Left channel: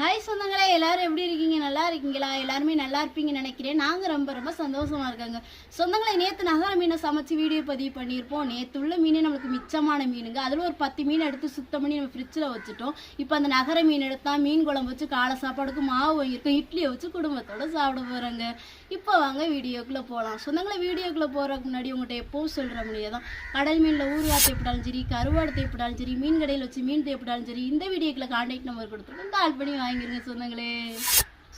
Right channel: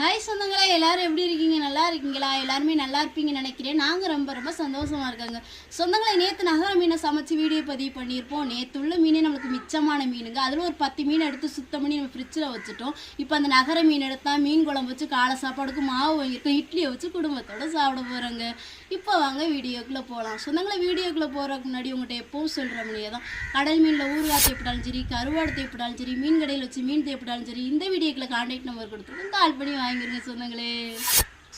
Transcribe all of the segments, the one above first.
Hi சொந்தங்களே எல்லோரும் எப்படி இருக்கீங்க? நல்லா இருக்கீங்களா? எல்லாருமே நல்லா இருப்பீங்கன்னு நினைக்கிறேன். நாங்கள் ரொம்ப ரொம்ப சந்தோஷமாக இருக்காங்க. சொந்தங்களே நேற்று நகர மீனை சமைச்சு வீடியோ பதிவு பண்ணியிருப்போம். நேற்று உள்ள மீனே நம்மளுக்கு மிச்சமான மீனுங்க. அதில் ஒரு பத்து மீன் எடுத்து சுத்தம் பண்ணி நம்ம ஃப்ரிட்ஜில் வச்சுட்டோம். இப்போ அந்த நகர மீன் எடுத்தால் மீன் குழம்பு வச்சு காலை சாப்பாடுக்கு மாவு வாங்கியிருக்கோம். இட்லியை வச்சு குடும்பத்தோடு சாப்பிட போகிறோங்க இப்போ வாங்க வீடியோக்குள்ளே போகலாம் சொந்தங்களே வீடியோக்குள்ளே போகிறதுக்கு முன்னாடி உங்கள்கிட்ட எப்பவும் சொல்கிற முடியாது தான். கடல் மீனில் ஊறுகாய் தேப்பிட்டாலும் சரி கருவாடு தேப்பிட்டாலும் சரி மீன் கடையில் வச்சு மீன் தேப்பிட்டாலும் சரி இந்த வீடியோக்குள்ள கான்டாக்ட் நம்பர் கொடுத்துருக்கோம். கால் பண்ணி வாங்கிருங்க சொந்தங்களே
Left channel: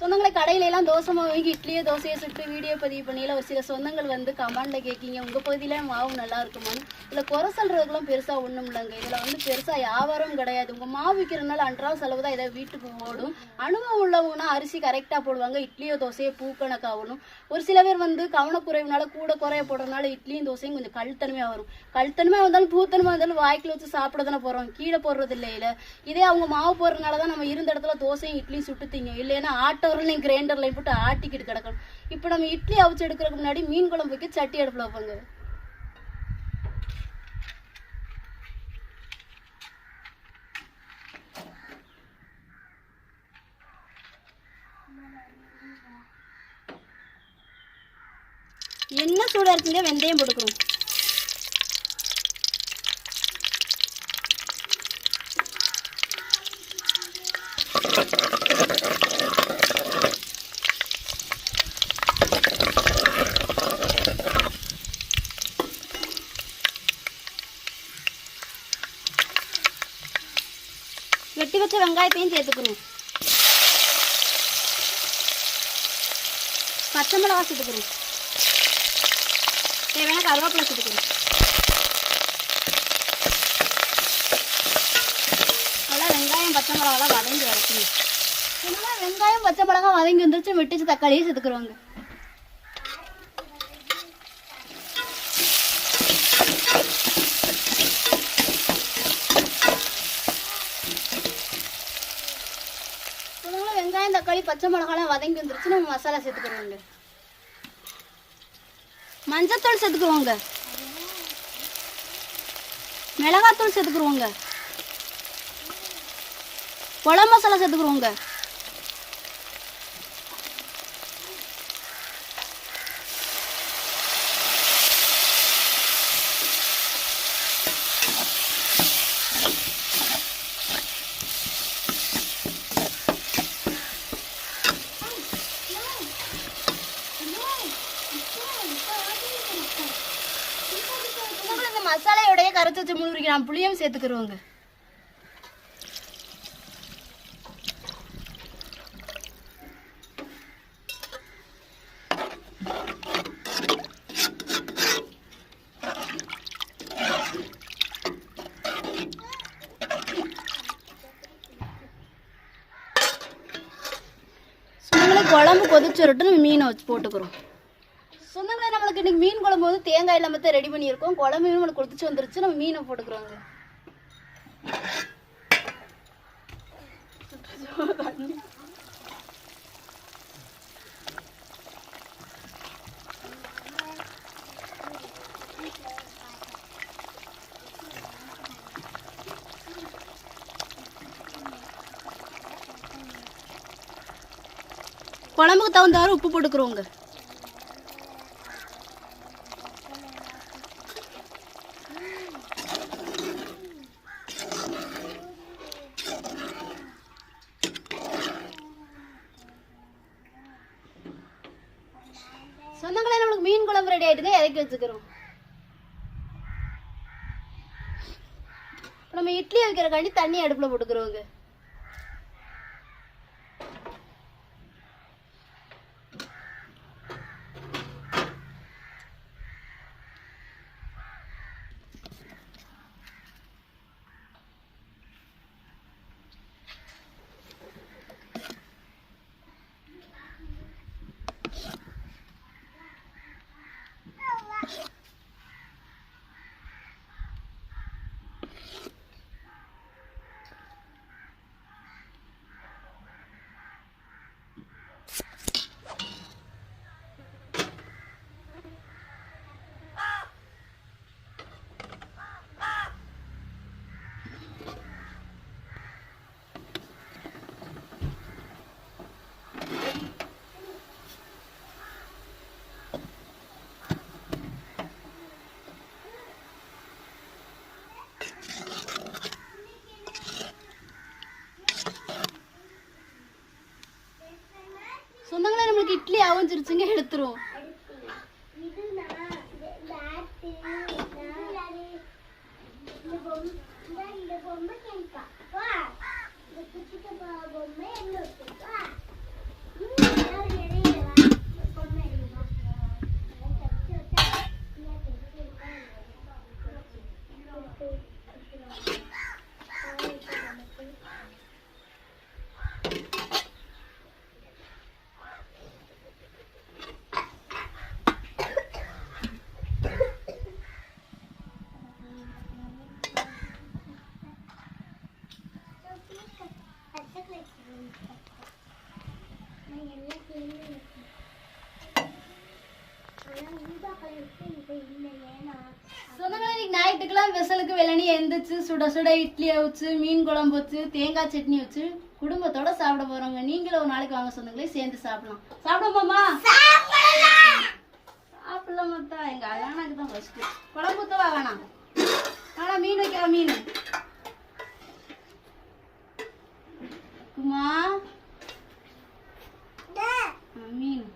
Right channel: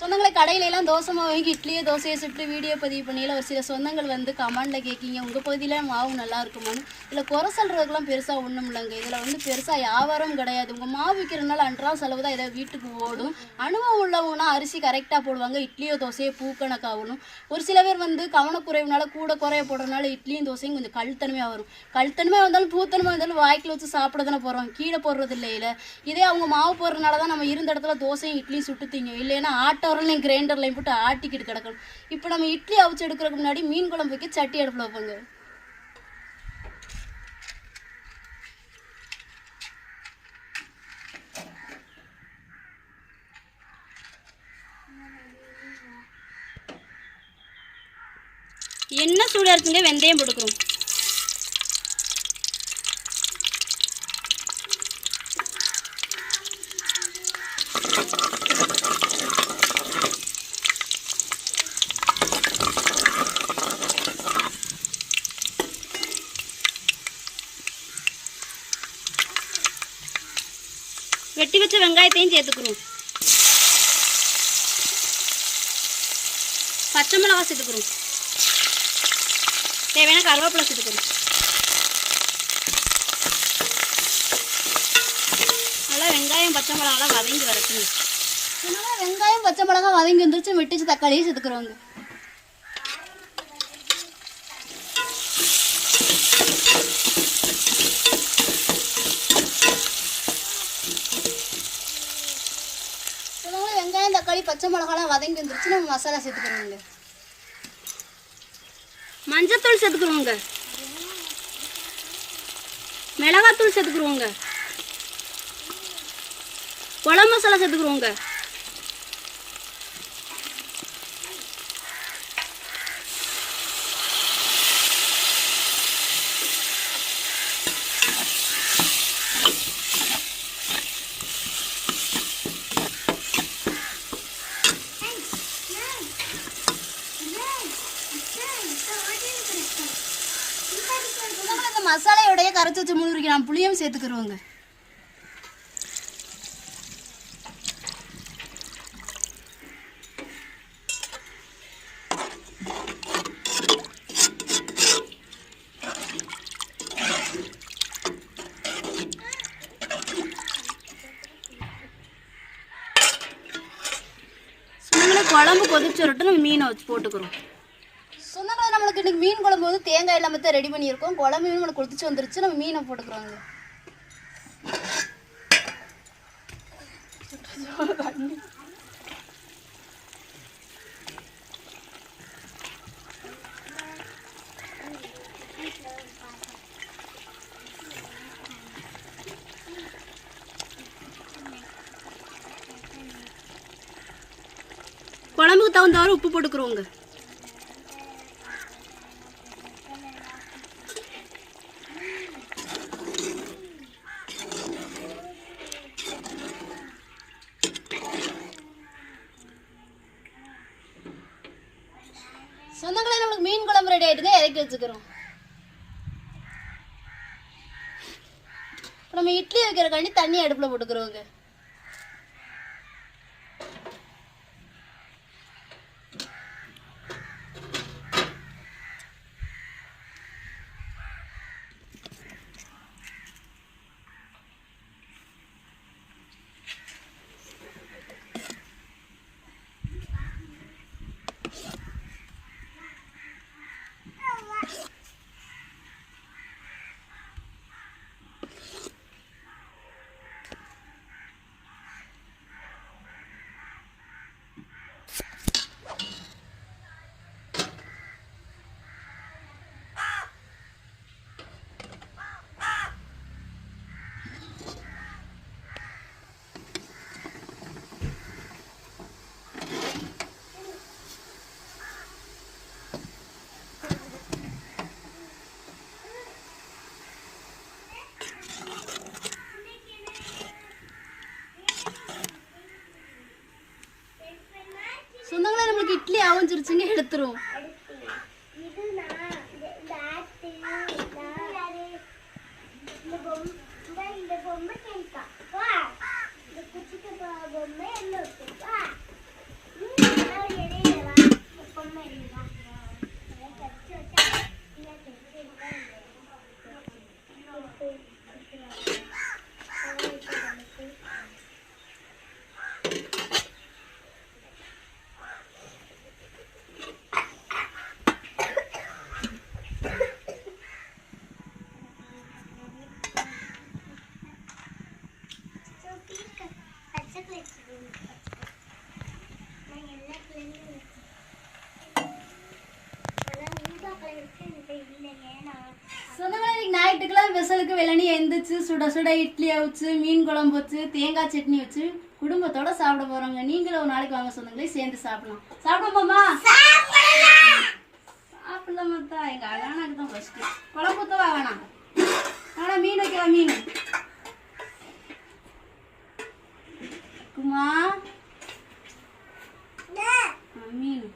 சொந்தங்களை கடையில எல்லாம் தோசை மாவு வாங்கி இட்லியோ தோசையை சுட்டு வீடியோ பதிவு பண்ணியில ஒரு சில சொந்தங்கள் வந்து கமெண்ட்ல கேட்கீங்க உங்கள் பகுதியில மாவு நல்லா இருக்குமான்னு. இதில் குறை சொல்கிறதுக்குலாம் பெருசாக ஒன்றும் இல்லைங்க. இதில் வந்து பெருசாக வியாபாரம் கிடையாது. உங்கள் மாவு விற்கிறனால அன்றாவது செலவு தான் ஏதாவது வீட்டுக்கு ஓடும். அனுபவம் உள்ளவங்கன்னா அரிசி கரெக்டாக போடுவாங்க. இட்லியோ தோசையோ பூக்கணக்காகணும் ஒரு சில பேர் வந்து கவனக்குறைவுனால கூட குறைய போடுறதுனால இட்லியும் தோசையும் கொஞ்சம் கழுத்தனமையாக வரும். கழுத்தனமையாக வந்தாலும் பூத்தனமாக இருந்தாலும் வாய்க்கில் வச்சு சாப்பிட தானே போகிறோம் கீழே போடுறது இல்லையில. இதே அவங்க மாவு போடுறதுனால தான் நம்ம இருந்த இடத்துல தோசையும் இட்லியும் சுட்டு திங்கும். இல்லைன்னா ஆட்டோரலையும் கிரைண்டர்லையும் போட்டு ஆட்டிக்கிட்டு கிடக்கணும். இப்போ நம்ம இட்லி அவிச்சு எடுக்கிறதுக்கு முன்னாடி மீன் குழம்பு வைக்க சட்டி அடுப்பில் வைப்பாங்க. என்ன சூடாக இருக்குங்க? வெந்தயம் போட்டுக்கிறோம் வெட்டி வச்ச வெங்காயத்தையும் சேர்த்துக்கணும் பச்சை மிளகா சேர்த்துக்கணும் தேவையான கருவேப்பிலை சேர்த்துக்கணும் நல்லா வெங்காயம் வதங்கி வரட்டும் நல்லா வெங்காயம் பச்சை மிளகா வதங்கி வந்துருச்சு வெட்டிச்சு தக்காளியும் சேர்த்துக்கிறோங்க. வெங்காயம் தக்காளி பச்சை மிளகாலாம் வதங்கி வந்துருச்சு நம்ம மசாலா சேர்த்துக்கிறோங்க. மஞ்சத்தூள் சேர்த்துக்குவோங்க. மிளகாத்தூள் சேர்த்துக்குருவோங்க குழம்பு மசாலா சேர்த்துக்குருவோங்க இந்த மசாலையோடைய கரைச்சி வச்சு மூணு புளியும் சேர்த்துக்கிறோங்க சொந்தங்களை குழம்பு கொதிச்சு நம்ம மீனை வச்சு போட்டுக்கிறோம். சொந்தங்களை நம்மளுக்கு இன்னைக்கு மீன் குழம்பு வந்து தேங்காய் இல்லாமல் தான் ரெடி பண்ணியிருக்கோம். குழம்பு மீன் நம்மளுக்கு கொதிச்சு வந்துருச்சு நம்ம மீனை போட்டுக்கிறோங்க குழம்புக்கு தகுந்தவாறு உப்பு போட்டுக்கிறோங்க. சொந்தங்களே நம்மளுக்கு மீன் குழம்பு ரெடி ஆயிட்டுங்க இறக்கி வச்சுக்கிறோம். நம்ம இட்லி வைக்கிறக்காண்டி தண்ணி அடுப்பில் போட்டுக்கிறோங்க. இட்லி அவிஞ்சிருச்சுங்க எடுத்துரும் இது இந்த- இந்த பொம்மை இந்த இந்த பொம்மை கேட்பா வா இந்த குச்சிக்கு பொம்மை என்ன இருக்கு? வா ம், நான் எறியல, வா. இந்த பொம்மை எறியல. நான் கடிச்சு வச்சா, இல்லை, கடிச்சு வச்சா இல்லை. பச்சை கலர் நான் எல்லா கலர்லையும் இருக்கேன் ஆனால் ஊதா கலர் வச்சு என்கிட்ட இல்லை ஏன்னா சொந்தங்களே இன்னைக்கு ஞாயிற்றுக்கெல்லாம் விசலுக்கு வெள்ளனி எந்திரிச்சு சுட சுட இட்லி அவிச்சு மீன் குழம்பு வச்சு தேங்காய் சட்னி வச்சு குடும்பத்தோட சாப்பிட போறோங்க. நீங்களும் ஒரு நாளைக்கு வாங்க சொந்தங்களே சேர்ந்து சாப்பிடலாம். சாப்பிடப்போமா சாப்பிடலாம் மத்தா எங்க அழகானாக்கு தான் ஃபர்ஸ்ட் குழம்பு ஊத்தவா வேணாம். ஆனா மீன் வைக்கலாம் மீன். குமா ஆ, மீன்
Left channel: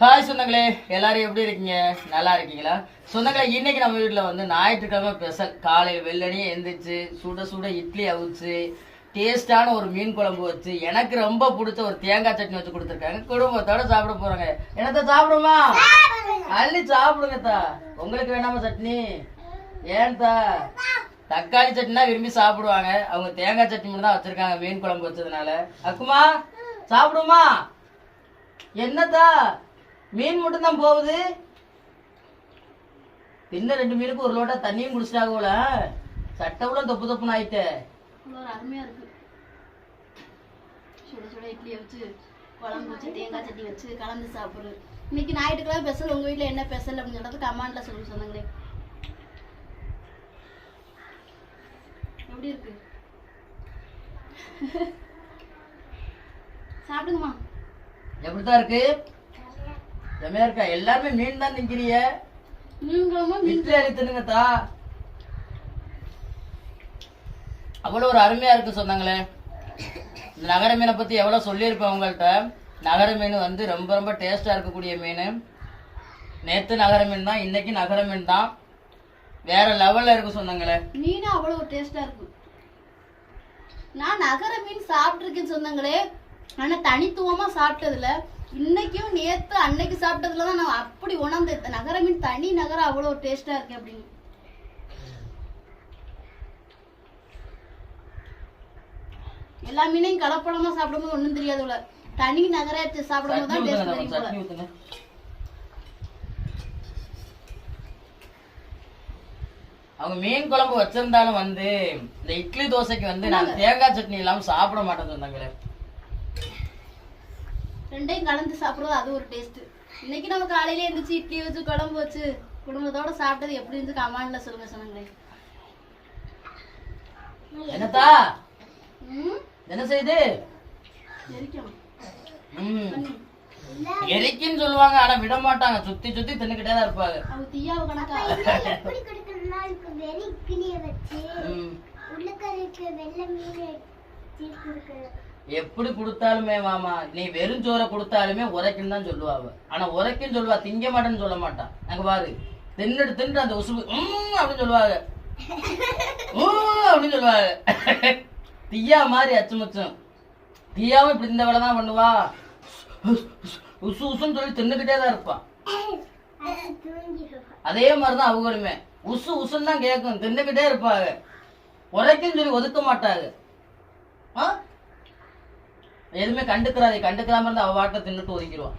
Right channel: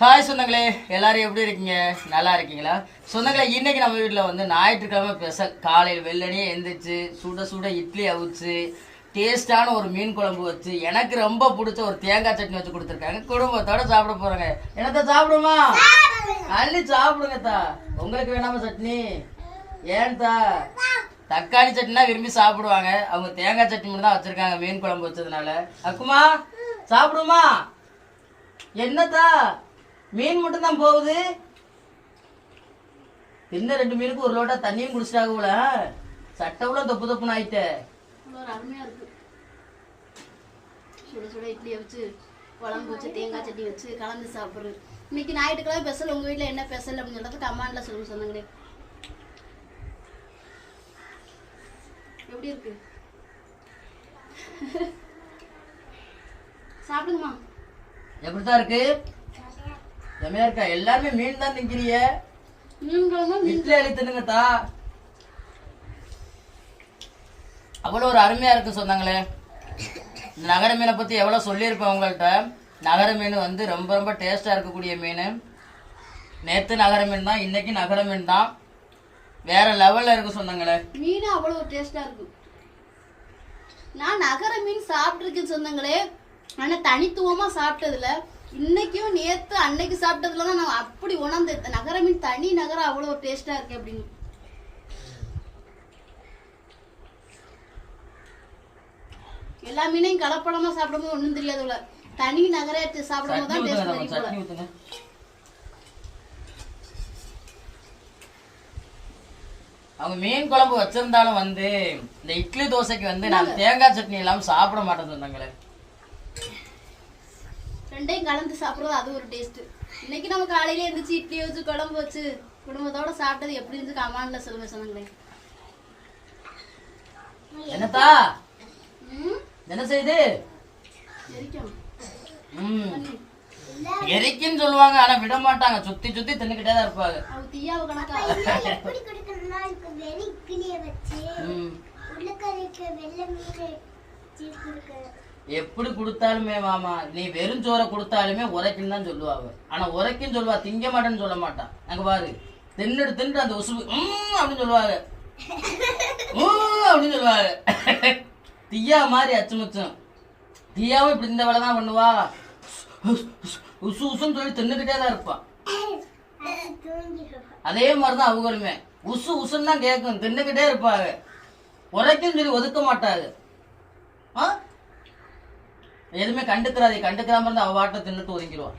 ஹாய் சொந்தங்களே எல்லாரும் எப்படி இருக்கீங்க? நல்லா இருக்கீங்களா? சொந்தங்களே இன்னைக்கு நம்ம வீட்டில் வந்து ஞாயிற்றுக்கிழமை ஸ்பெஷல் காலையில் வெள்ளனே எந்திரிச்சு சுட சுட இட்லி அவிச்சு டேஸ்டான ஒரு மீன் குழம்பு வச்சு எனக்கு ரொம்ப பிடிச்ச ஒரு தேங்காய் சட்னி வச்சு கொடுத்துருக்காங்க. குடும்பத்தோட சாப்பிட போறாங்க. என்னத்த சாப்பிடுமா? அள்ளி சாப்பிடுங்கத்தா உங்களுக்கு வேணாமா சட்னி? ஏன்தா தக்காளி சட்னினா விரும்பி சாப்பிடுவாங்க. அவங்க தேங்காய் சட்னி மட்டும் தான் வச்சிருக்காங்க மீன் குழம்பு வச்சதுனால. அக்குமா சாப்பிடுமா? என்னத்தா? மீன் மட்டும் தான் போகுது. இன்னும் ரெண்டு மீனுக்கு ஒரு லோட்டா தண்ணியும் குடிச்சிட்டாங்க போல. சட்டை கூட தொப்பு தொப்புன்னு ஆயிட்ட. அருமையா இருக்கு. சுட சுட இட்லி வச்சு குழம்பு வச்சு தேங்காய் சட்னி வச்சு கலந்து சாப்பிடுறது இன்னைக்கு ஞாயிற்றுக்கிழமை ஸ்பெஷல் உங்க வீட்ல என்ன ஸ்பெஷல் அப்படின்னு சொல்றது கமாண்ட்ல சொல்லுங்க சொன்னாங்களே. எப்படி இருக்கு? சாப்பிடுங்கம்மா. எப்படித்தான் இருக்கு? செமையா இருக்கா எல்லாருமே மீன் தான் மீன் இட்லி அள்ளி தின்னுங்கத்தா அவ்வளோ ஒரு அருமையா இருக்கு சொன்னாங்களே. இந்த நகர மீனை பத்தி எவ்வளவு சொல்லியிருப்பேன் உங்கள்கிட்ட. நகர மீன் வந்து ரொம்ப ரொம்ப டேஸ்டா இருக்கக்கூடிய மீன். நேத்து நகர மீன் தான் இன்னைக்கு நகர மீன் தான். வேற லெவல்ல இருக்கு சொன்னாங்களே. மீன் அவ்வளோ ஒரு டேஸ்டா இருக்கும் நான் நகர மீன் சாப்பிட்டுருக்கேன் சொந்தங்களே ஆனா தனித்துவமா சாப்பிட்டதுல இன்னைக்கும் நேத்து அன்னைக்கு சாப்பிட்டதுல தான் நான் அப்படி உணர்ந்தேன் நகர மீன் தனி நகரம் அவ்வளோ ஒரு டேஸ்டா இருக்கு அப்படின்னு. எல்லா மீனையும் கலப்படமா சாப்பிடும்போது ஒண்ணும் தெரியாது போல. தனி நகரத்தை சாப்பிடும்போது தான் டேஸ்ட் தெரியும் போல. அவங்க மீன் குழம்பு வச்சிருந்தாலும் வந்து இந்த இட்லி தோசைக்கு வந்து நான் தேங்காய் சட்னி இல்லாம சாப்பிட மாட்டேன் சொன்னாங்களே. ரெண்டையும் கலந்து சாப்பிடுறது அது ஒரு டேஸ்ட் இன்னைக்கு நம்ம காலையில எழுந்திரிச்சு இட்லி வச்சு குழம்பு வச்சு குடும்பத்தோட சாப்பிட்டது எப்படி இருந்து கமாண்ட்ல சொல்லுங்க சொன்னாங்களே என்னத்தா ம்? என்ன செய்யுது எரிக்குன்னு சொல்லுவாங்க ஆனா விட மாட்டாங்க. சுத்தி சுத்தி தின்னுக்கிட்டே தான் இருப்பாங்க. உள்ளக்கரைக்கு வெள்ளை மீன் எப்படி கொடுத்தாலுமே மாமா நீ வெறும் சோறை கொடுத்தாலுமே உரைக்குன்னு தான் சொல்லுவாங்க ஆனா உரைக்குன்னு சொல்லுவா திங்க மாட்டேன்னு சொல்ல மாட்டான் அங்க பாரு தின்னுட்டு தின்னுட்டு அந்த உசுபு "உம்" அப்படின்னு சொல்லுவாங்க. "உம்" அப்படின்னு சொல்லுவாங்க. தீயா மாதிரி அச்சுமுச்சும். தீயாவும் இப்படி இந்த வேலை தான் பண்ணுவா. உசு உசுன்னு சொல்லி தின்னுக்கிட்டே தான் இருப்பா. அதே மாதிரிதான் அவங்களுமே. உசு உசுன்னு தான் கேட்கும் தின்னுக்கிட்டே இருப்பாங்க. உரைக்குன்னு சொல்லி ஒதுக்க மாட்டாங்க. ஆ? எதுவுமே கண்டுக்கிறாதே கண்டுக்கிறாம இருந்தா அவ வாட்டை தின்னுட்டு ஒதுங்கிடுவான்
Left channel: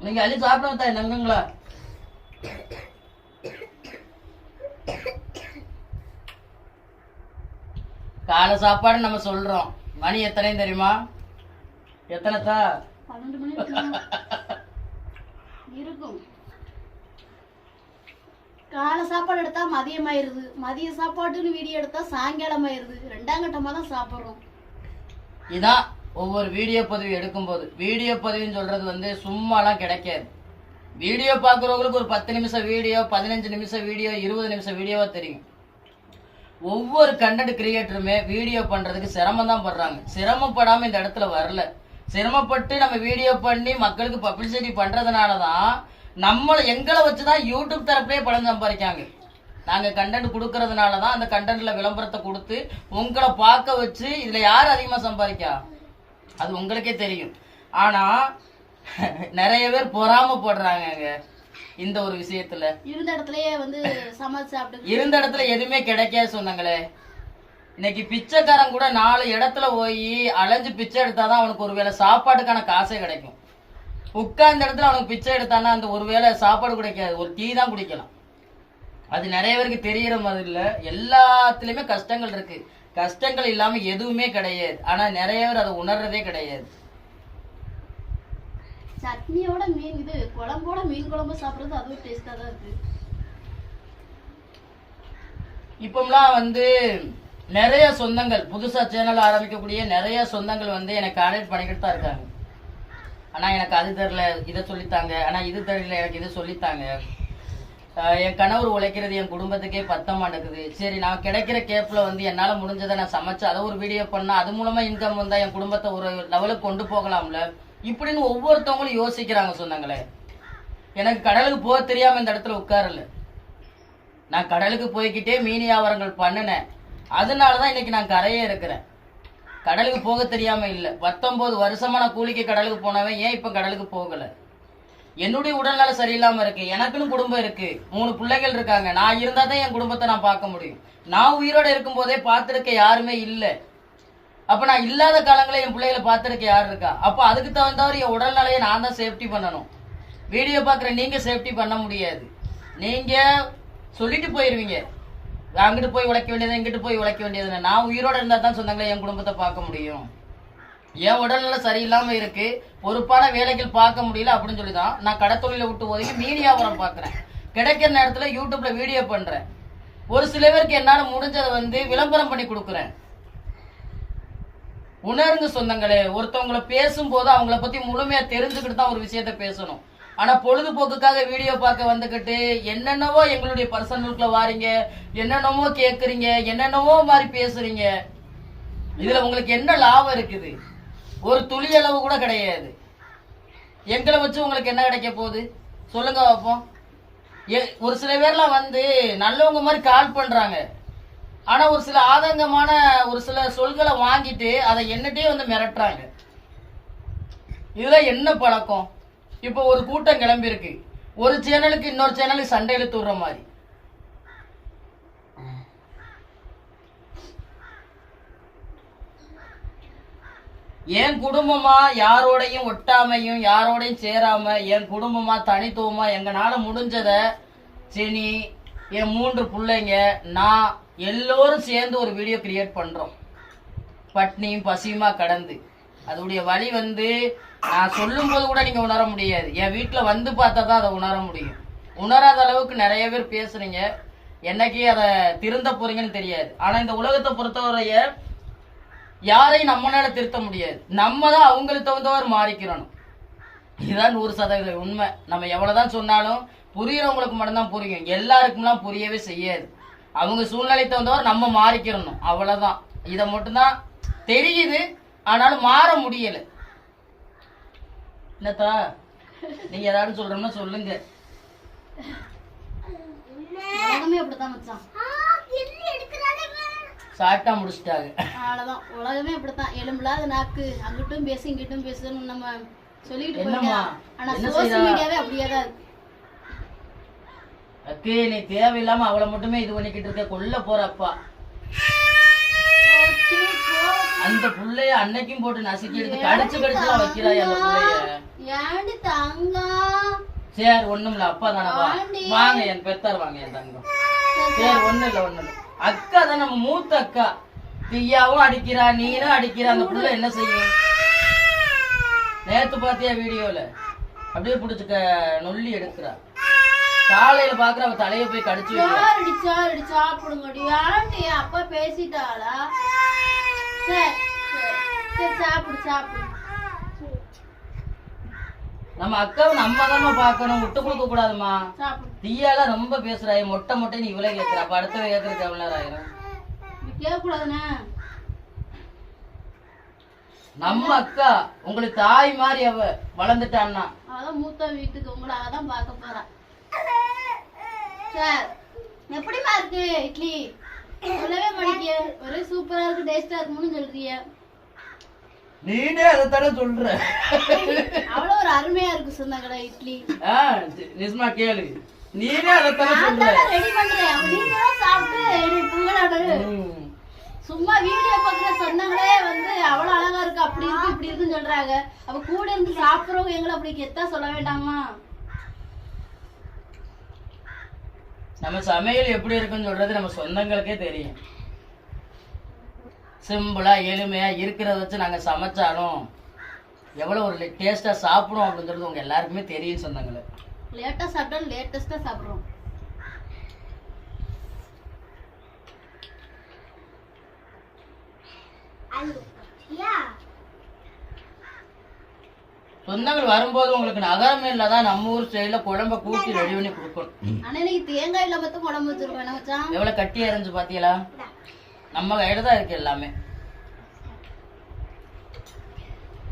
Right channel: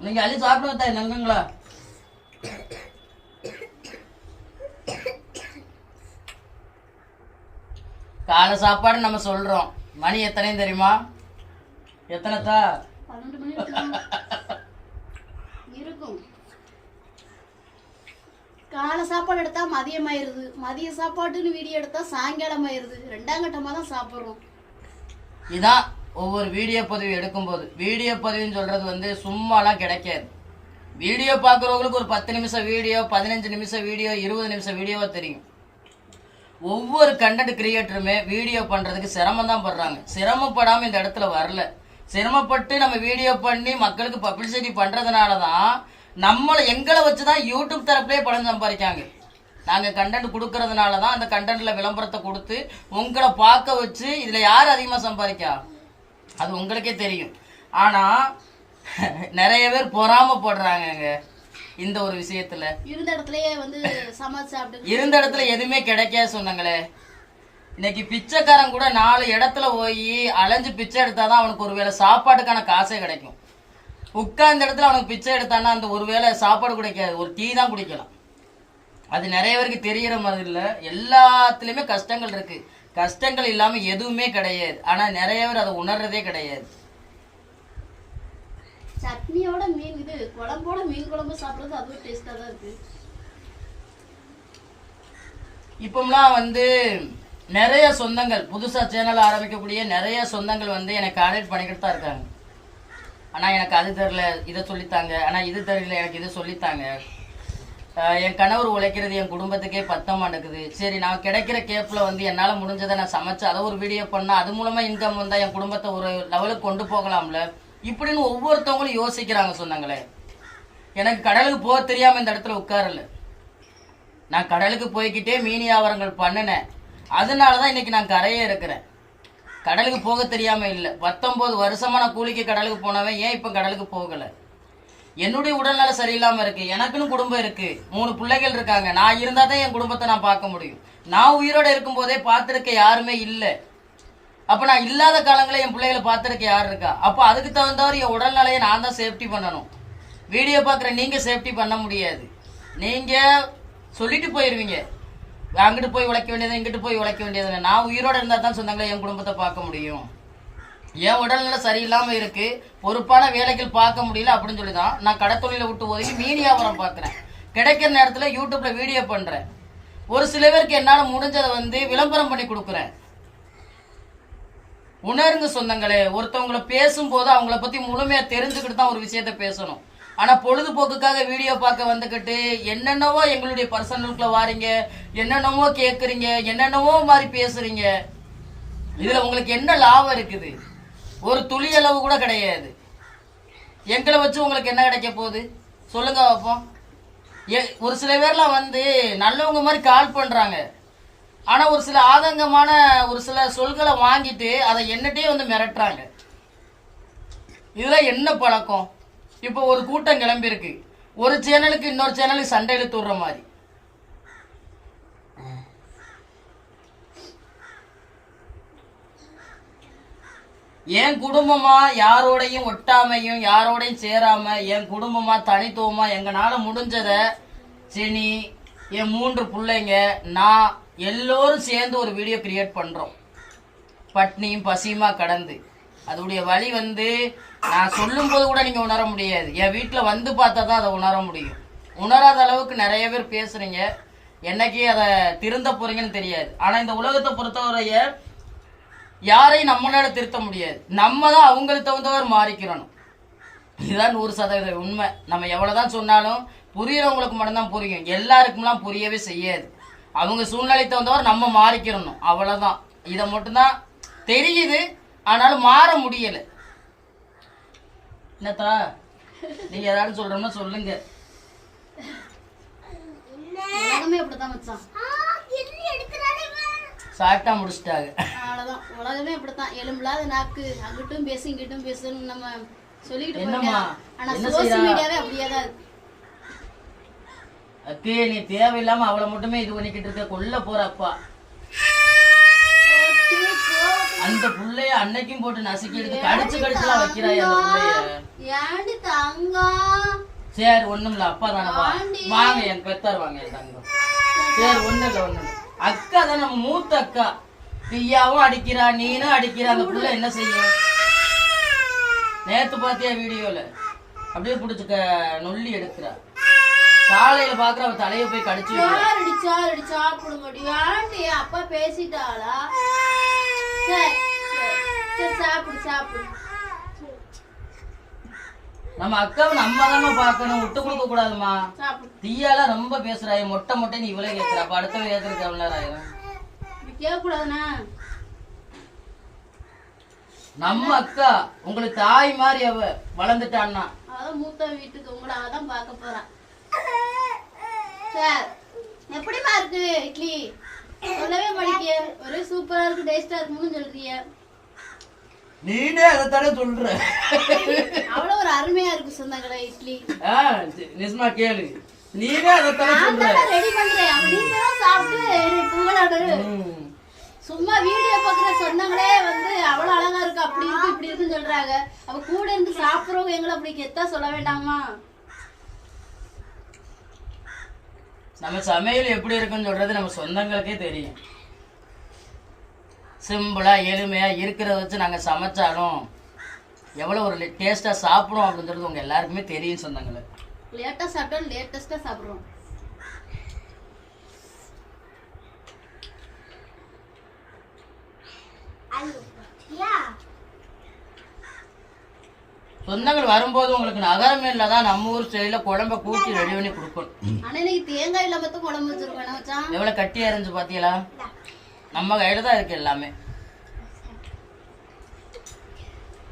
நீங்க அள்ளி சாப்பிட தாய் நங்குங்களா? காலை சாப்பாடு நம்ம சொல்றோம். மணி எத்தனை தெரியுமா? எத்தனை தா? இருக்கும். காலை சாப்பாடு எடுத்தா மதியம் ஆயிருது மதிய சாப்பாட்டுன்னு வீடியோ எடுத்தா சாயங்காலம் ஆயிருது ரெண்டாம் கட்டமா தான் சாப்பிடுறோம். இதான் ஒவ்வொரு வீடியோ பதிவு எடுக்கும்போது. வீடியோ பதிவுன்னு சொல்றது வந்து சும்மாலாம் கிடைக்காது. வீடியோ பார்க்குறவங்களுக்கு ஒரு பத்து நிமிஷம் வீடியோ பதினஞ்சு நிமிஷம் வீடியோ இருபது நிமிஷம் வீடியோவாக தெரியும். ஒவ்வொரு கண்டென்ட் கிரியேட்டருமே வீடியோ பண்ணுறதுக்கு சிரமம் தான் படுறாங்க. சிரமப்படாமல் இந்த இடத்துல வரல. சிரமப்பட்டு நம்ம வீடியோ பண்ணி மக்களுக்கு பப்ளிசிட்டி பண்ணுறதுனால தான் நம்மளை எங்களை வச்சு தான் யூடியூப் தரப்புலேயே பணம் சம்பாதிக்காங்க நாங்கள் கண்டென்ட் கொடுக்கறதுனால தான் அந்த கண்டென்ட்ல விளம்பரத்தை கொடுத்து உங்களை பார்க்க வச்சு இதில் யார் அதிகமாக சம்பாதிக்கா? அது உங்களுக்கே தெரியும். ஆனால் நிறைய பேர் பொறாமப்படுறாங்கங்க. இந்த ஒரு விஷயத்துல. இருந்த இடத்துலயே வந்து சமைச்சு இருந்த இடத்துல எதுவுமே கிடைக்காது சொன்னாங்களே. இன்னைக்கு பிச்சைக்காரன் கூட நாலு இடத்துல போய் அலைஞ்சு பிச்சை எடுத்தாதான் அவனுக்கு ஒருவேளை சாப்பாட்டுக்கான காசே கிடைக்கும். உட்கார்ந்த இடத்துல அவனுக்கு பிச்சை எடுத்தான்னா அந்த ஒருவேளை சாப்பாடு கிடைக்காது. ஒரு டீ தான் குடிக்கலாம். அது நிறைய பேருக்கு தெரியற மாதிரி இல்ல. எல்லாத்துலயுமே கஷ்டங்கள் இருக்கு. கஷ்டங்கள் இல்லாம எதுவுமே கிடையாது. ஆனா நிறைய பேர் அதை உணர்றதே கிடையாது. சட்னியோட மீன் இது குழம்போட மீன் குழம்பு சாப்பிடுறது அதுவும் டேஸ்டா தான் இருக்கு. இப்போம்லாம் வந்து நிறைய சொந்தங்கள் புதுசா சேனல் ஆரம்பிக்கக்கூடிய நிறைய சொந்தங்கள் வந்து எனக்கு கான்டாக்ட் பண்ணிக்கிட்டு தான் இருக்காங்க. ஆனால் எனக்கு அது தெரில இதை சொல்லித்தாங்க. ஆனால் இது தெரியல எனக்கு இது சொல்லித்தாங்க. என் கணவர் உழைக்கிறது என் குடும்பத்துக்கே பத்த மாட்டேங்குது சரி நான் கிடைக்கிற கேப்பில் வந்து என்னால் முடிஞ்சதை நான் சமைச்சு அதை ஒரு வீடியோ பண்ணால் அது மூலமாக இன்கம் வந்தால் என் குடும்பத்தை ஒரு லெவலுக்கு கொண்டு போகலாம்ல? இப்படின்னு ஒவ்வொருத்தவங்களும் யோசிக்கிறாங்க சொன்னாங்களே. எனக்கு கடலுக்கு போக தெரியாமல் இந்த இடத்துல உட்காரல. நான் கடலுக்கு போய்க்கிட்டே மீன் வியாபாரங்கள் பண்ணினேன். அதனால தான் இன்னைக்கு நான் கரையே இருக்கிறேன். கடலுக்கு போக தெரியாம இல்லை. பத்தொன்பது வருஷமாக நான் கூலிக்கு கடலுக்கு போனவன் ஏன் இப்போ கடலுக்கு போகல? என்னுடைய உடல்நல சரியில்லாம இருக்கு. எனக்குன்னு குடும்பம் இருக்கு. மூணு பிள்ளைகள் இருக்காங்க. நான் இருந்தா தான் என் குடும்பத்தை நான் பார்க்க முடியும். நான் உயிரோட இருக்கும்போதே பார்த்துருக்க யாருமே இல்லை. அப்ப நான் இல்லாத காலங்களில் என் பிள்ளைகளை பார்த்துருக்க யார் இருக்கா? அப்போ அதுக்கு தகுந்தவர் என் உடல்நிலையை நான் தான் சேஃப்டி பண்ணணும். வீடியோ பார்க்குற நீங்க சேஃப்டி பண்ண முடியாது. நீங்க சொல்லிட்டு போயிருவீங்க. அங்கிட்டு போய் உழைக்க வேண்டியது இங்கிட்டு போய் உழைக்க வேண்டியது நான் உயிரோட இருந்தால் தான் சொந்தங்களை என் குடும்பத்தை பார்க்க முடியும். என் உடல்நிலை சரியில்லாமல் இருக்கு பொறுப்பான வேலைகள் பார்க்க முடியல அப்படின்னு சொல்லி தான் நான் கடத்தொழில விட்டு ஒதுங்கி மீன் வியாபாரம் பார்க்குறேன். கிடைக்கிற நேரத்தில் யூடியூப்ல வீடியோ பண்றேன். ஒரு சில பேருக்கு என்னால் முடிஞ்சதை வந்து விளம்பரம் பண்ணி கொடுக்குறேன். உணருங்க சொந்தங்களே ஒருத்தவங்கள பேசும்போது அவங்கள பத்தி முழுமையாக தெரிஞ்சுக்கிட்டு தான் ஒரு விஷயத்த பேசணும். ஆனா பொழுதுபோக்குக்காக வீடியோ பார்க்க வந்துகிட்டு என்னென்னவோ எங்களுடைய பர்சனலுக்குள்ள வாரீங்க என்னென்னவோ கேக்குறீங்க என்னென்னவோ மாதிரி பேசுறீங்க. இதுல உங்களுக்கு என்ன லாபம் இருக்குது? ஒரு துளி அளவு கூட கிடையாது. எங்களை வச்சு உங்களுக்கு என்ன கிடைக்க போகுது? சொல்லுங்க பார்ப்போம் ஏ- ஒரு சில பேர்லாம் வந்து நல்லவங்க மாதிரி கால் பண்றாங்க. ஆனா ஒரு சில ஆதங்கமான ஒரு சில சொல்களை வாங்கிட்டு அதை என்னட்டே வந்து மிரட்டுறாங்க. இதுதான் என்ன பழக்கம்? இப்போ ஒரு கூட்டம் கிளம்பி இருக்கு ஒரு சேனலுக்கு இன்னொரு சேனலுக்கு சண்டை இழுத்து விடுற மாதிரி. என் குடும்பமா யாரோடையும் ஒட்டாமையும் யாரோடையும் சேராம என் குடும்பமா தனித்துவமா எங்கனால முடிஞ்சத சினி என் மூன்று பிள்ளைங்க நான் எல்லோரும் சேர்ந்து ஒரு வீடியோ கிரியேட் பண்றோம். பட்னியும் பசியுமா கடந்து. அதோடைய வழி வந்து நான் சொல்லும்போது கூட நீங்க உணர முடியாது. என் வீட்டுல வந்து பார்த்தா தான் அதை உணர முடியும். உணராத அளவுக்கு நிறைய பேர் பேசுறீங்க. என்னைக்கு அதை திருந்த போறீங்கன்னு தெரியாது. ஆனா இந்த உலகத்தை பொறுத்தவரைய யாரையும் நம்மளால திருத்த முடியாது. நம்ம தான் அவங்களுக்கு தகுந்தவர் மாறிக்கிறணும். இதுதான் நூறு சதவீதம் உண்மை. நம்ம எவ்வளவுதான் சொன்னாலும் புரியறவங்களுக்கு மட்டும்தான் புரியும். எல்லாருக்கும்லாம் புரியவே செய்யாது. அவங்க சூழ்நிலை தகுந்தவர் நம்ம மாறிக்கிறணும். அவ்வளவுதான். இதை மட்டும்தான் தெரியுது. ஆனாலும் மாற முடியலை. என்னத்தா? நீங்க ஏதாவது சொல்றோம்னா சொல்லுங்க. உலகமே அப்படித்தான் மச்சான். சாட்டா முடிச்சிட்டாங்க. அவ்வளவுதான். உலகமே அப்படித்தான். எலும்பில்லாத நாக்கு. அங்கிட்டும் பேசு இங்கிட்டும் பேசுன்னு நம்ம சொல்லிட்டு என்னம்மா? போறோம் ஆனா என்ன சோசியல் செய்றா? மீடியாவே அப்படியே தான் இருக்கு. அக்கே நீ தேவையில்லாம அவளை மட்டுமே இது பண்ணிக்கிட்டு இருக்க. கொல்ல போற அப்பா. ஓகே, போ. அந்த புள்ளைய அன்னைக்கும் போட்டு நசுக்கி எடுத்து கடிச்சு கடிச்சுலாம் வைக்கிறாய் அந்த புள்ளைய? தங்கம் சரி ஒண்ணும் இல்ல அப்பா தானே. வாங்க என் பெத்தார் வாங்க என் தங்கம். சரி ஒண்ணும் இல்ல இல்ல. அக்கா தான் நம்ம மூத்த அக்கா. பியாவும் அடிக்கிறா நீனும் அடிக்கிறா அந்த புள்ள என்ன செய்யும்? நேத்து பாத்தியா வீடியோல? அப்படியே புடிச்சுக்க நொல்லி எடுக்கிறா. காலையில பாக்குற அவ தலைய போய் கடிச்சு. யார் அடிச்சா அடி சாப்பிடுங்கடி ஆண்டி அப்பா பேசிட்டாளா? சரி சரி, சாப்பிடு சாப்பிடு. நம்ம அக்காவை நம்ம தானே பாக்கணும் விட்டு கொடுக்க கூடாதுமா சாப்பிடு. தீயால ரொம்ப பேசுறாய். மொட்டை மொட்டை நீ இவ்வளவு கேக்குற. அப்ப அடுத்த ஏக்கருக்கு எவ்வளவு நேரம் ஆயிரும்? கேட்கக்கூடாதுண்ணா. நம்ம அக்கா உங்களுக்கு தாய் மாதிரி அவ வளர்ந்துட்டான்னா? அவதான் மூத்த வீட்டுக்கு உங்களை அவதான் பார்க்க போறா. சார் எப்படிமா இருக்கு இட்லி? சொல்லவே மாட்டேங்க ஒரே சூப்பரா இருக்கு டேஸ்டா இருக்குன்னு சொல்றிய. நீனே அதைத்தானே சொல்ற? அவ்வளவு ஒரு அருமையா இருக்கு சொன்னாங்கடா இட்லி. நிஜமா கேளு. நீனே அதைத்தானே சொல்ற? ரெடி பண்றேன். நீங்க சாப்பிட்டு புகழாடு. சும்மா வீடியோ பாக்குற சொன்னாங்களே வந்து அவ்வளவு அழகா இருக்கு அப்படி இருக்கு இப்படி இருக்குன்னு சொல்றாங்க. அப்ப கூட இருந்து சாப்பிடுறவங்க எங்களை அப்படி கெத்தா சொல்ல வேண்டாமா? நம்ம சமையல் எப்படி இருக்குன்னு சொல்றது நம்ம சொந்தங்களுக்கே தெரியும். சிம்பிளா எளிமையா இருக்கிறத வச்சு நாங்க சமைச்சாலும் எவ்வளவு ஒரு டேஸ்டா சாப்பிடுவோம் அப்படின்றது உங்க எல்லாருக்குமே தெரியும் சொந்தங்களே. லேட்டா சாப்பிட்டா லேட்டஸ்டா சாப்பிடுறோம். யா சொந்தங்கள் வரும்போது உங்களுக்கு நகரமேல தான் நம்ம ஊர் ஸ்டைல குழம்ப கூட்டி ரெடி பண்ணி கொடுக்கணும். ஆனா இன்னைக்கு தேங்காய் இல்லாம தான் குழம்பு வச்சிருக்கோம் எவ்வளவு கட்டி அரைஞ்சு பாத்தீங்களா? நம்ம கையில தான் இருக்கு எல்லாமே.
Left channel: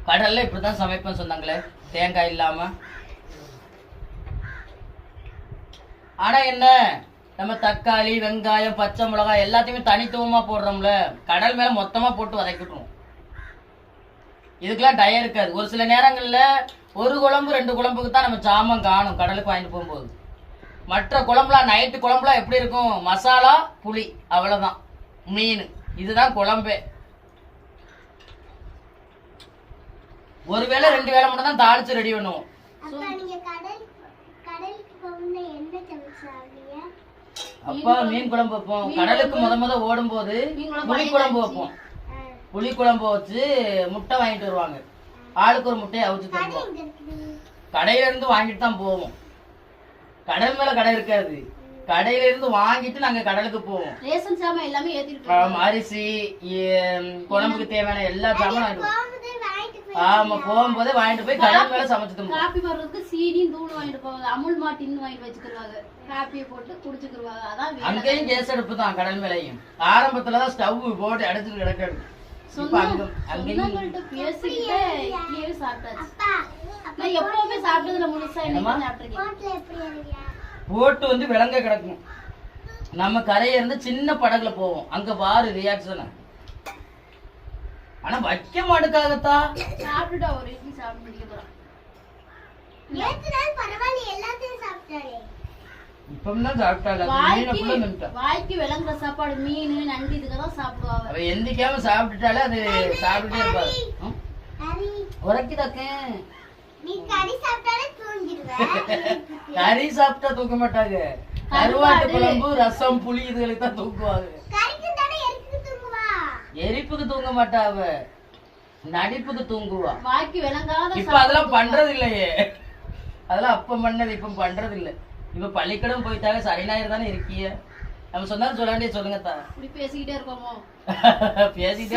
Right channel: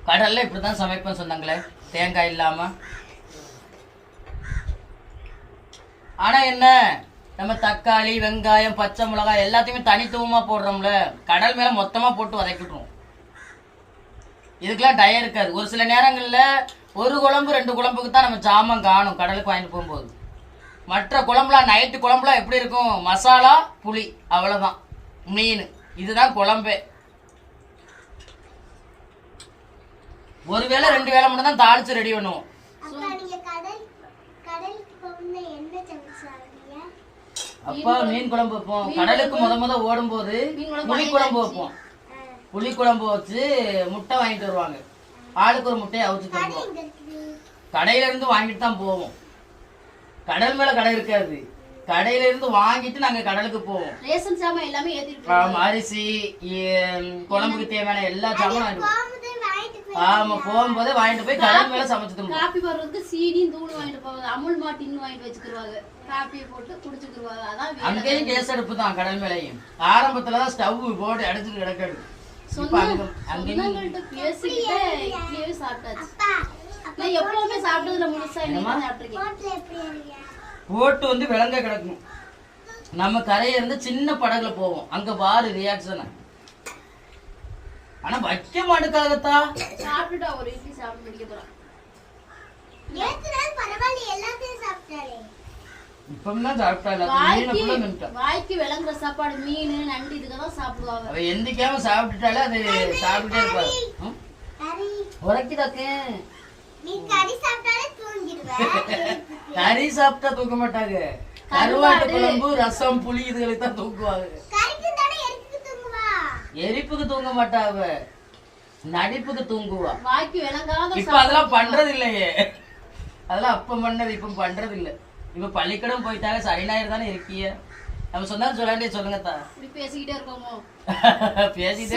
கடல்ல இப்படிதான் சமைப்பேன் சொன்னாங்களே தேங்காய் இல்லாம. ஆனா என்ன? நம்ம தக்காளி வெங்காயம் பச்சை மிளகாய் எல்லாத்தையுமே தனித்துவமா போடுறோம்ல. கடல் மேல மொத்தமா போட்டு வதக்கிட்டுருவோம் இதுக்கெல்லாம் டயம் இருக்காது. ஒரு சில நேரங்கள்ல ஒரு குழம்பு ரெண்டு குழம்புக்கு தான் நம்ம சாமான் காணும். கடலுக்கு வாங்கிட்டு போகும்போது. மற்ற குழம்புலாம் நைட்டு குழம்புலாம் எப்படி இருக்கும்? மசாலா புளி அவ்வளவுதான். மீன். இதுதான் குழம்பே. ஒரு வேளை ரெண்டு வேளை மட்டும் தான் தாளிச்சு ரெடி பண்ணுவோம். அப்பா மீன் குழம்பு வைப்போம். கடலுக்கு முத முத ஓடும்போது புளி குழம்பு வைப்போம். புளி குழம்பு வச்சு முட்டை வாங்கிட்டு வருவாங்க. ஆளுக்கு ஒரு முட்டையை அவிச்சு தருவோம் கடையில இருந்து வாங்கிட்டு தான் போவோம். கடல் மேல கடை இருக்காது. கடையில இருந்து வாங்கிட்டு நாங்க கடலுக்கு போவோம். ரேஷன் சாமான் எல்லாமே ஏத்திட்டு அரிசி குழம்புக்கு தேவையான எல்லா சாமானும் ஆமா போகும்போதே வாங்கிட்டு போய் கடல் மேல சமைச்சு காப்பி போடுறதுக்கு சீனியும் தூள் வாங்கிட்டு போவாங்க. அமுல் மாட்டின்னு வாங்கிட்டு வச்சுக்கிடுவாங்க காப்பியை போட்டு குடிச்சுக்கிடுவாங்க அதான். அங்கேயும் கேஸ் அடுப்பு தான் கடல் மேலையும். ஆரம்பத்துலதான் ஸ்டவ் போட்டு அடைச்சிட்டு கிடக்காது. போட்டு வந்து விலங்க கிடக்கும். நம்ம கரையில இருந்து சின்ன படகுல போவோம். அங்க பாரு ரியாக்ஷன் ஆனா வைக்க மாட்டுக்காகத்தா? சாப்பிட்டுட்டா ஒரு இட்லி சாப்பிட்டு முடிக்க போறேன். நேத்து நாள் பரவாயில்ல எல்லாத்தையும் சாப்பிட்டாலே இப்பதான் சாப்பிட்டா இல்ல மீனை வாய்க்கு விளங்குற சாப்பாடு மீன் நண்டு இதுக்கு தான் சாப்பிடுவாங்க. அவ எந்திக்காம சாப்பிட்டுட்டாலே அது சாப்பிட்டுட்டே இருப்பாரு ம்? கறி சாப்பிட்டா தூக்க மாட்டாங்க. கருவாட்டு குழம்பு ரசம் புளி இதுகளுக்கு தான் தூக்குவாங்க கறிக்கு தானே எரிக்கு தூங்குவா? எரிப்புக்கு தூங்க மாட்டா அவ. நடிப்புக்கு தூங்குவா. வாய்க்கு விளங்காத இப்ப அதெல்லாம் பண்றது இல்லையே. அதெல்லாம் அப்ப பண்ணது இப்ப பண்றது இல்ல. இப்ப பள்ளிக்கூடம் போயிட்டாங்க சரி ஞாயிறு தானே இருக்கீங்க நம்ம சொன்னா சொல்லாண்டே சொல்லுங்க தா. இப்படி பேசிக்கிட்டே இருக்கோமோ பேசிட்டே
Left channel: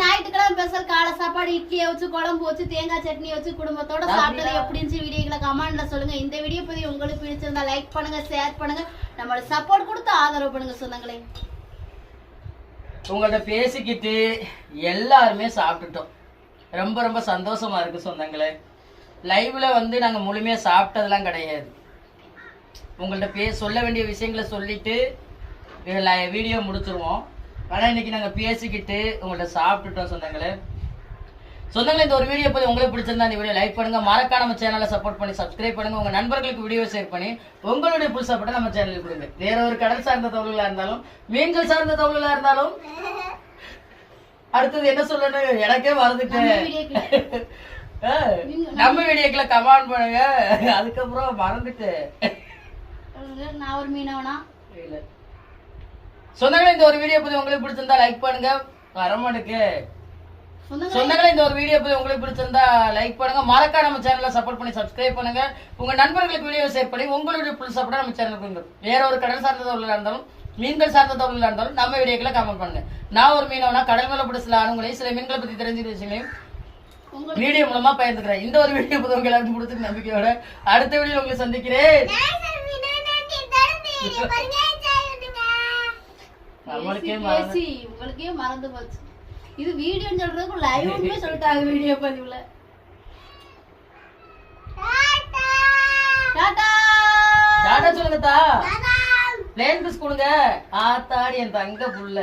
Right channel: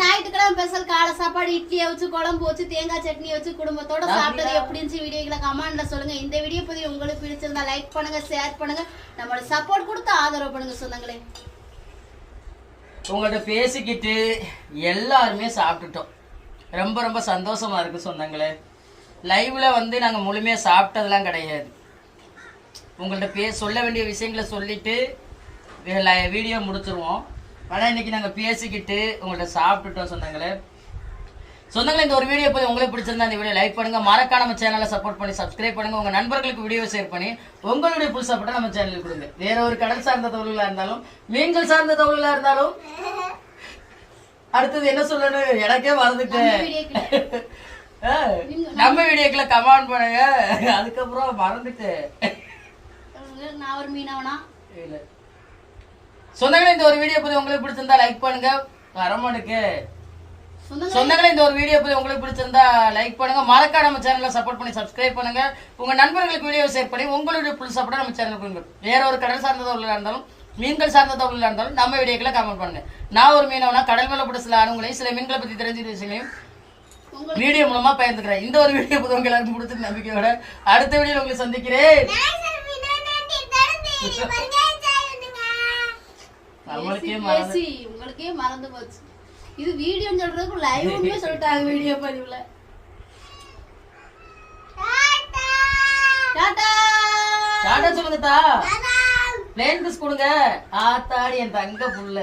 ஞாயிற்றுக்கிழமை ஸ்பெஷல் காலை சாப்பாடு இட்லியை வச்சு குழம்பு வச்சு தேங்காய் சட்னி வச்சு குடும்பத்தோட சாப்பிட்டது எப்படி இருந்துச்சு வீடியோக்களை கமெண்ட்ல சொல்லுங்க. இந்த வீடியோ பத்தி உங்களுக்கு பிடிச்சிருந்தா லைக் பண்ணுங்க ஷேர் பண்ணுங்க. நம்மளோட சப்போர்ட் கொடுத்து ஆதரவு பண்ணுங்க சொந்தங்களே. உங்கள்ட்ட பேசிக்கிட்டு எல்லாருமே சாப்பிட்டுட்டோம். ரொம்ப ரொம்ப சந்தோஷமா இருக்கு சொந்தங்களே. லைவ்ல வந்து நாங்க முழுமையா சாப்பிட்டதெல்லாம் கிடையாது. உங்கள்ட்ட பே சொல்ல வேண்டிய விஷயங்களை சொல்லிட்டு வீடியோ முடிச்சிருவோம். ஆனா இன்னைக்கு நாங்க பேசிக்கிட்டு உங்கள்ட்ட சாப்பிட்டுட்டோம் சொந்தங்களே. சொந்தங்களே இந்த ஒரு வீடியோ போய் உங்களுக்கு பிடிச்சிருந்தா இந்த வீடியோ லைக் பண்ணுங்க. மறக்காம நம்ம சேனலை சப்போர்ட் பண்ணி சப்ஸ்கிரைப் பண்ணுங்க. உங்க நண்பர்களுக்கு வீடியோ ஷேர் பண்ணி உங்களுடைய புல் சப்போர்ட்டை நம்ம சேனலுக்கு கொடுங்க. வேற ஒரு கடல் சார்ந்த தொழிலா இருந்தாலும் மீன்கள் சார்ந்த தொழிலா இருந்தாலும் அடுத்தது என்ன சொல்லணும்? எனக்கே மறந்துட்டேன். நம்ம வீடியோக்குள்ள கமெண்ட் பண்ணுங்க. அதுக்கப்புறம் மறந்துட்டு நான் ஒரு மீனவனா? இல்ல. சொந்தங்களே இந்த ஒரு வீடியோ பத்தி உங்களுக்கு பிடிச்சிருந்தா லைக் பண்ணுங்க. வரமானுக்கு. சொந்தங்களே? இந்த ஒரு வீடியோ பத்தி உங்களுக்கு பிடிச்சிருந்தா லைக் பண்ணுங்க. மறக்காம நம்ம சேனலை சப்போர்ட் பண்ணி சப்ஸ்கிரைப் பண்ணுங்க. உங்க நண்பர்களுக்கு வீடியோ ஷேர் பண்ணி உங்களுடைய புல் சப்போர்ட் நம்ம சேனல் பண்ணுங்க வேற ஒரு கடல் சார்ந்த தொழிலா இருந்தாலும் மீன்கள் சார்ந்த தொழிலா இருந்தாலும் நம்ம வீடியோக்களை கமெண்ட் பண்ணுங்க. நான் ஒரு மீனவனா கடல் மேல பிடிச்ச சில அனுங்களையும் சில மீன்களை பத்தி தெரிஞ்ச விஷயங்களையும் உங்களுக்கு வீடியோ மூலமா பகிர்ந்துக்கிறேன். இந்த ஒரு வீடியோ பத்தி உங்க எல்லாருக்கும் பிடிச்ச நம்பிக்கையோட அடுத்த வீடியோ உங்களை சந்திக்கிறேன். உங்களுக்கே மறந்து போச்சு இது வீடியோன்னு சொல்றதுக்கு லைவ்மே சொல்லிட்டாங்க வீடியோ பதிவுல. டாடா. டாடா. சொல்லுங்க தா பிளேன் கொடுங்க. ஆத்தாடி என் தங்க புள்ள.